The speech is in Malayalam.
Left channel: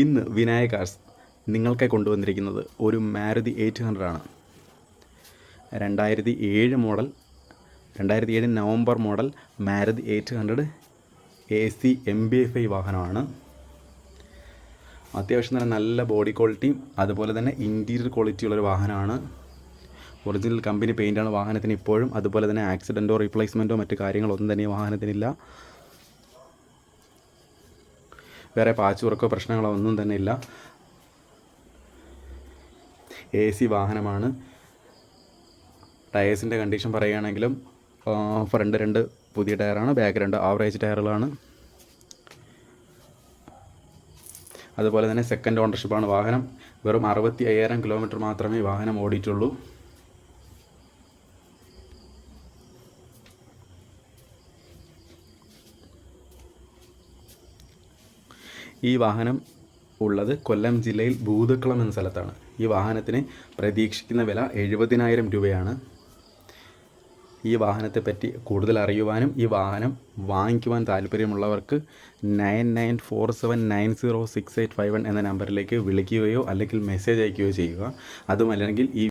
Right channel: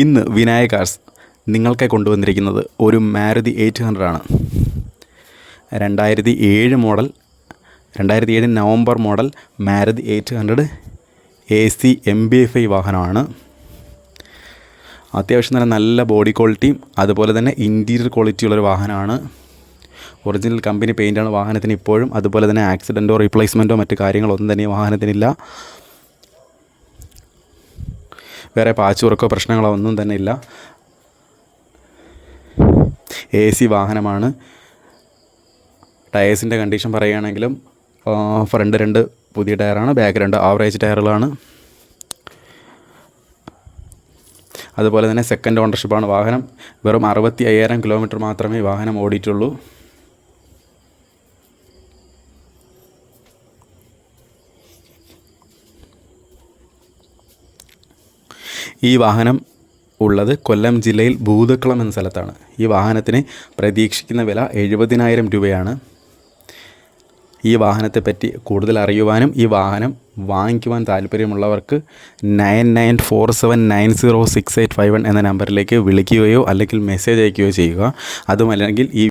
ഇന്ന് വിനായക കാർസ് നിങ്ങൾക്കായി കൊണ്ടുവന്നിരിക്കുന്നത് ഒരു മാരുതി 800 ആണ്. 2007 model, 2007 November model Maruti 800 AC MB5 വാഹനമാണ്. അത്യാവശ്യം നല്ല ബോഡി ക്വാളിറ്റിയും അതുപോലെ തന്നെ ഇൻറ്റീരിയർ ക്വാളിറ്റിയുള്ളൊരു വാഹനമാണ്. ഒറിജിനൽ കമ്പനി പെയിൻ്റാണ് വാഹനത്തിന് ഇപ്പോഴും. അതുപോലെ തന്നെ ആക്സിഡൻറ്റോ റീപ്ലേസ്മെൻറ്റോ മറ്റു കാര്യങ്ങളൊന്നും തന്നെ വാഹനത്തിനില്ല. വേറെ പാച്ച് വർക്കോ പ്രശ്നങ്ങളോ ഒന്നും തന്നെ ഇല്ല. AC വാഹനമാണ്. ടയേഴ്സിൻ്റെ കണ്ടീഷൻ പറയുകയാണെങ്കിലും ഫ്രണ്ട് 2 പുതിയ ടയറാണ്, ബാക്ക് 2 ആവറേജ് ടയറുകളാണ്. അതുപോലെ തന്നെ സെക്കൻഡ് ഓണർഷിപ്പാണ് വാഹനം. വെറും 65,000 കിലോമീറ്റർ മാത്രമേ വാഹനം ഓടിയിട്ടുള്ളൂ. ഈ വാഹനം ഉള്ളത് കൊല്ലം ജില്ലയിൽ ഭൂതക്കുളം എന്ന സ്ഥലത്താണ്. ഈ വാഹനത്തിന് പ്രതീക്ഷിക്കുന്ന വില 70,000 രൂപയാണ്. ഈ വാഹനത്തെപ്പറ്റി കൂടുതൽ അറിയുവാനും ഈ വാഹനം വാങ്ങിക്കുവാൻ താല്പര്യമുള്ളവർക്ക് 9947906851 എന്ന നമ്പറിലേക്ക് വിളിക്കുകയോ അല്ലെങ്കിൽ മെസ്സേജ് അയക്കുകയോ ചെയ്യുക. അതുമല്ലെങ്കിൽ ഈ